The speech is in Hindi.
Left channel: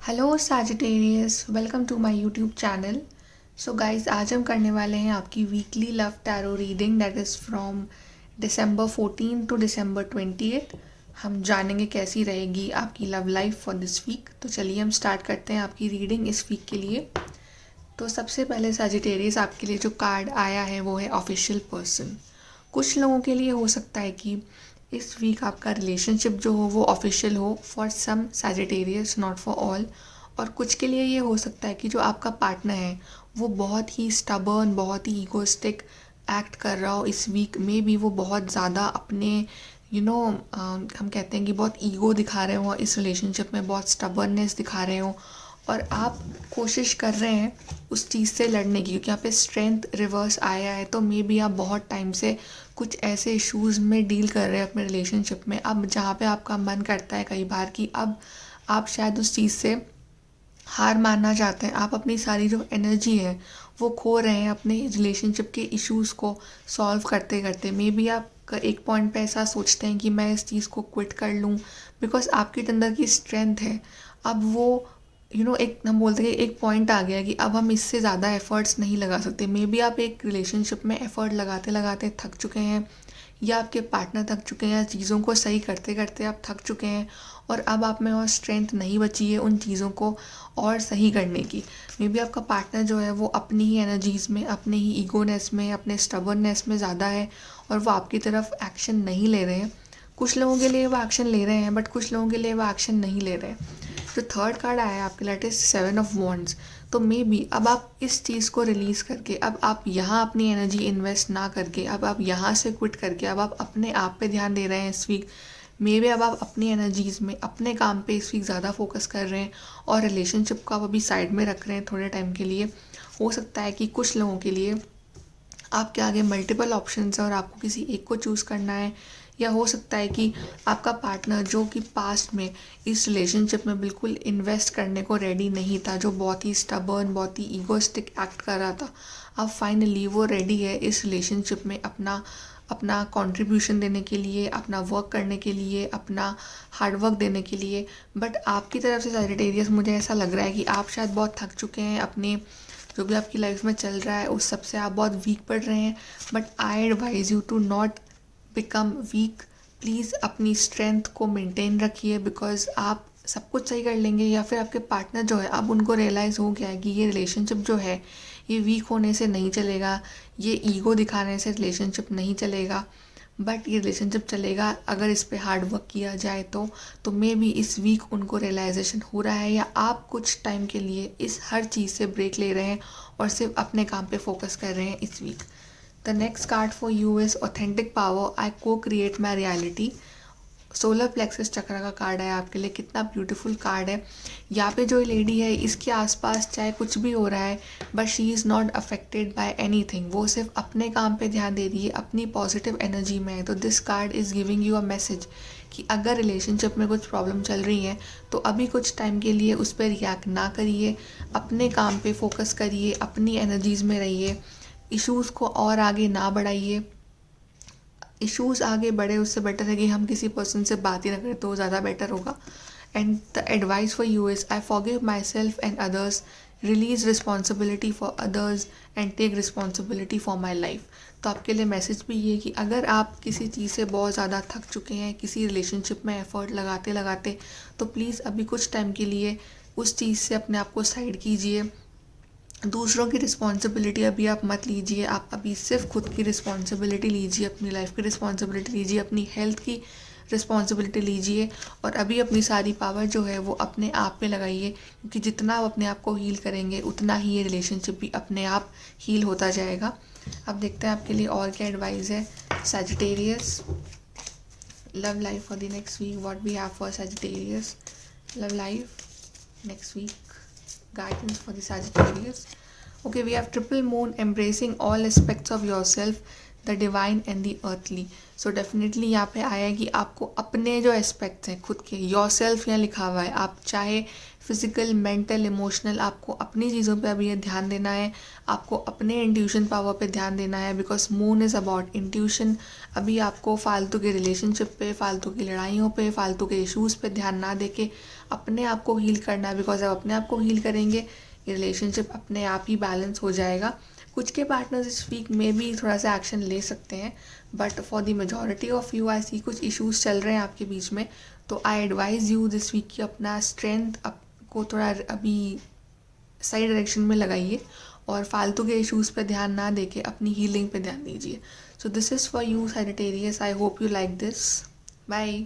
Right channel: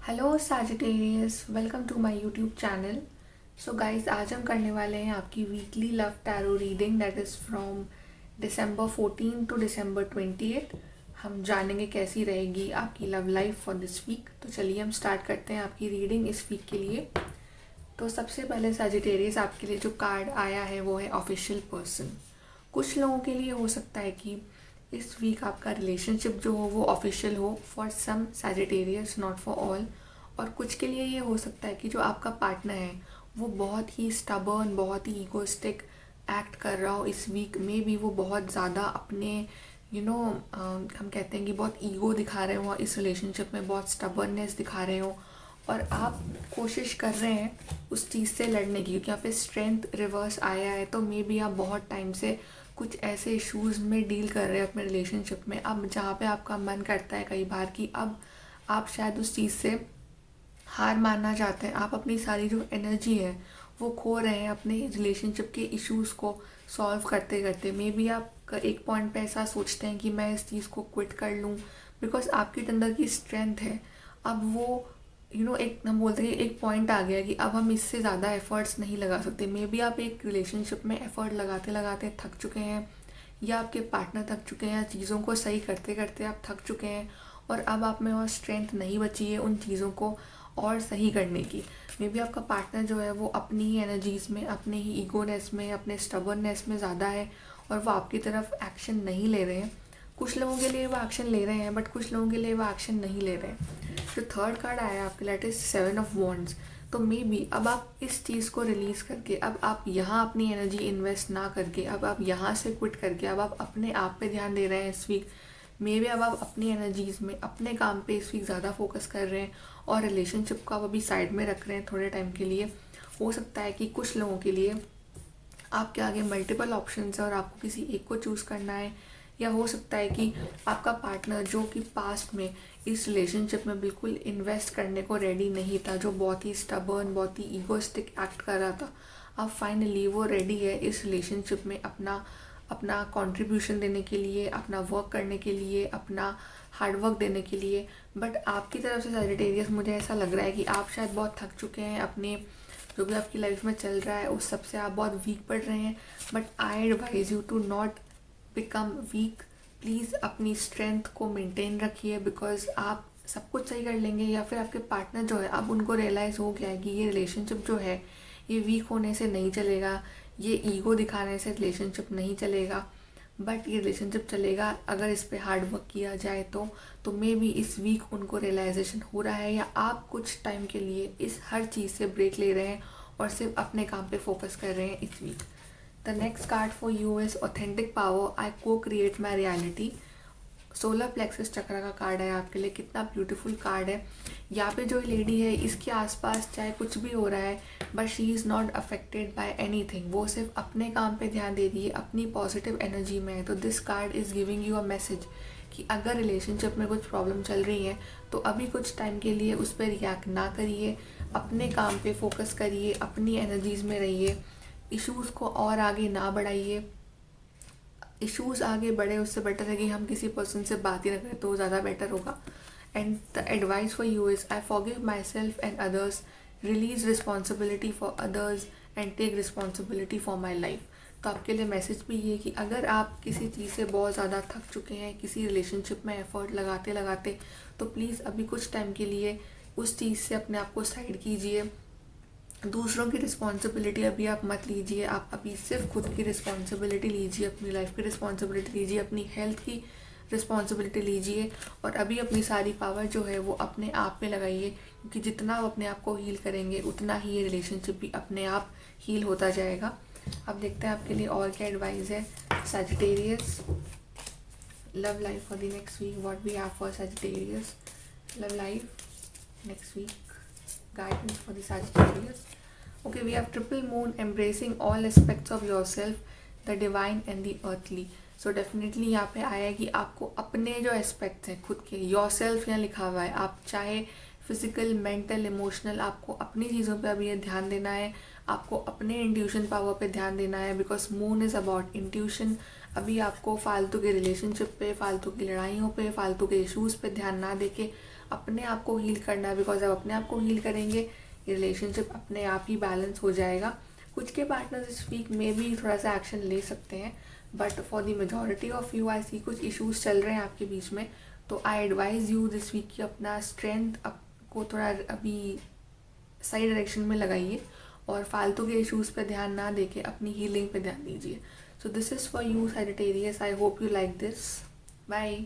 Hello Sagittarius, welcome to my YouTube channel. So guys, आज हम करने वाले हैं आपकी weekly love tarot reading that is from December 14 to December 28। हम जानेंगे कैसी रहेगी आपकी love life for this week. तो चलिए हम स्टार्ट करते हैं आपकी रीडिंग इस वीक के लिए। तो सबसे पहले सैजिटेरियस, आपके लिए जो कार्ड आया है वो है ऑफिशियल पर्सन। कुछ लोगों के लिए हो सकता है कि इस वीक आपका रिलेशनशिप जो हो वो ऑफिशियल हो for some Sagittarius, not for all. और कुछ के लिए ये हो सकता है कि जो आपका पार्टनर है वो बहुत ही स्टबर्न, बहुत ही ईगोइस्टिक एक्ट कर रहा हो इस वीक में भी। वो बहुत ज़्यादा अपने हम कहते हैं कि बहुत ईगो दिखा रहे हो इस रिलेशनशिप में, बहुत स्टबर्ननेस दिखा रहे हो। और आप कोशिश कर रहे हैं उस चीज़ से लड़ने की, क्योंकि यहाँ पे स्ट्रेंथ रिवर्स आया है। तो मे बी आप बहुत टाइम से कुछ ऐसे इश्यूज़ में डील कर रहे हैं अपने रिलेशनशिप में, अब जहाँ पे आपका मन करता है कई बार कि अब आप शायद उस चीज़ से हार मानना चाहते हैं। आप अपनी सारी जो एनर्जी है वो खो रहे हैं अपने रिलेशनशिप के इश्यूज़ को सॉल्व करते करते। मे बी आप एक पॉइंट पे ऐसा सोचते हैं कि मैं इस चीज़ को क्विट कर लूँ, बिकॉज आपके अंदर की स्ट्रेंथ है। अब वो एक हम बोलते हैं एक पॉइंट आ गया कि अब हम इससे ज़्यादा एफर्ट्स नहीं लगा सकते। मे बी आप एक रिलेशनशिप में एफर्ट लगाते लगाते थक चुके हैं, या आपके पार्टनर थक चुके हैं, या चीज़ों को सही करते करते आप थक चुके हैं और अब आप में और स्ट्रेंथ नहीं बची है उन चीज़ों को और सही करने की। मे बी आपका पार्टनर जो है वो अपनी ही एनर्जीज़ में, अपने ही ईगोनेस में, अपने स्टबर्ननेस में ज़्यादा है और वो आपकी तरफ एक्शन नहीं ले रहे हैं। कुछ लोगों के लिए वो एक्शन ले रहे हैं, बट कुछ लोगों के लिए वो एक्शन नहीं ले रहे हैं। जो थर्ड कार्ड आया है आपके लिए, इज 7 ऑफ वॉन्ड्स। तो मे बी अब आप इस चीज़ को रिलीज़ करके, अब आप यहाँ अपनी एनर्जी इन्वेस्ट ना करके, अब आप यहाँ से क्विट करके, अब आप अपने आप पे ध्यान दे रहे हैं इस वीक। मे बी अब आप अपनी एनर्जीज़ में अपने काम पे इस वीक ज़्यादा फोकस कर रहे हैं और रिलेशनशिप को आप अभी साइड में रख रहे हैं थोड़े टाइम के लिए। हो सकता है कि कुछ लोगों के लिए आपके आगे मल्टीपल ऑप्शंस है और आपको किसी एक को चूज़ करना है। या हो सकता है कि आपका पार्टनर जो कि पास्ट में इस रिलेशनशिप में बिल्कुल इन्वेस्ट करने को रेडी नहीं था, जो बहुत ही स्टबर्न, बहुत ही ईगोइस्टिक एक्ट कर रहा था, अब फाइनली वो रेडी है इस रिलेशनशिप में अपना अपना कंट्रीब्यूशन देने के लिए, अपना वर्क करने के लिए, अपना हार्ड वर्क देने के लिए। बट आपकी तरफ से सैजिटेरियस, मुझे ऐसा लग रहा है कि आप शायद बहुत थक चुके हैं अपने जो भी आपकी लाइफ में चल रहा है उस सब से, आप बहुत वीक पड़ रहे हैं। But I advise you to not become weak. Please अपनी स्ट्रेंथ को मेंटेन रखिए, बिकॉज आप सब कुछ सही कर लेंगे। या फिर आपके पार्टनर जो है, अब उनको रियलाइज़ हो गया है कि ये रिलेशनशिप जो है ये वीक होने से नहीं चलेगा, ये ईगो दिखाने से रिलेशनशिप नहीं चलेगा, बट ये रिलेशनशिप चलेगा अगर इस पे हार्ड वर्क किया जाए तो मे बी इस वीक उनको रियलाइजेशन हो रहा है, या आप कुछ टाइम के लिए इस हर चीज़ से ब्रेक ले रहे हैं और सिर्फ अपने काम पे फोकस कर रहे हैं इस week. The next card for you is authentic power, I co-create my reality. Solar plexus chakra का कार्ड है आपके लिए। कितना ब्यूटीफुल कार्ड है। यहाँ पे जो लेडी है इसके आसपास चाहे कुछ भी हो रहा है, but she is not affected by anything. वो सिर्फ अपने काम पे ध्यान दे रही है, अपनी पॉजिटिव एनर्जी में है। तो this card is giving you a message कि अगर रिलेशनशिप में कुछ प्रॉब्लम चल रही है तो अभी कुछ टाइम के लिए उस पर रिएक्ट ना करिए, अपने काम पे फोकस करिए, अपनी एनर्जीज़ में रहिए, इश्यूज़ को और आगे ना बढ़ाइए। इश्यूज़ आगे बढ़े उससे बेटर है कि हम किसी पर्सन से बात ही ना करें, तो ज़्यादा बेटर होगा। And the advice for you is, I forgive myself and others, release responsibility for others and take responsibility for my life. तो आपके लिए मैसेज भी ये कि अगर आप किसी चीज़ से बहुत ज़्यादा थक चुके हैं, किसी रिलेशनशिप में एफर्ट लगाते लगाते, तो प्लीज़ अभी कुछ टाइम के लिए उस चीज़ से अपने आप को साइड कीजिए। दूसरों की रिस्पॉन्सिबिलिटी अभी आप मत लीजिए, आप अभी सिर्फ खुद की रिस्पॉन्सिबिलिटी लीजिए, अपनी लाइफ की रिस्पॉन्सिबिलिटी लीजिए, अपनी हेल्थ की रिस्पॉन्सिबिलिटी लीजिए। और अभी अपनी सारी पावर जो है वो अपने आप पे लगाइए, क्योंकि जितना आप अपने आप को हील करेंगे उतना ही ये रिलेशनशिप भी अपने आप हील होता जाएगा। अब देखते हैं आपके लिए और क्या एडवाइस है Sagittarius. Love life for the next week, what we have for Sagittarius love life next week, guidance for the Sagittarius. Okay, we have triple moon, embracing all aspects of yourself. The divine and the earthly. So definitely यहाँ पे आया कि आपको अपने जो एस्पेक्ट्स हैं खुद के, योर सेल्फ यहाँ लिखा हुआ है, आप चाहे फिजिकल, मेंटल, इमोशनल, आपको अपनी चीज़ों पे अभी ये ध्यान देना है, आपको अपने इंट्यूशन पावर पे ध्यान देना है, because moon is about intuition. अभी आपको फालतू के रिलेशनशिप पे, फालतू की लड़ाइयों पे, फालतू के इश्यूज़ पे ध्यान ना दे के अपने आप को हील करना है, बिकॉज आप अपने आप को हील करेंगे, रिलेशनशिप अपने आप ही बैलेंस हो जाएगा। कुछ के पार्टनर्स इस वीक में भी थोड़ा सा एक्शन ले सकते हैं, but for the majority of you I see कुछ इश्यूज चल रहे हैं आपके बीच में। तो I advise you this week कि अपना स्ट्रेंथ को थोड़ा अभी सही डायरेक्शन में लगाइए और फालतू के इश्यूज़ पे ध्यान ना देके अपनी हीलिंग पे ध्यान दीजिए। So this is for you Sagittarius, I hope you like this. Bye.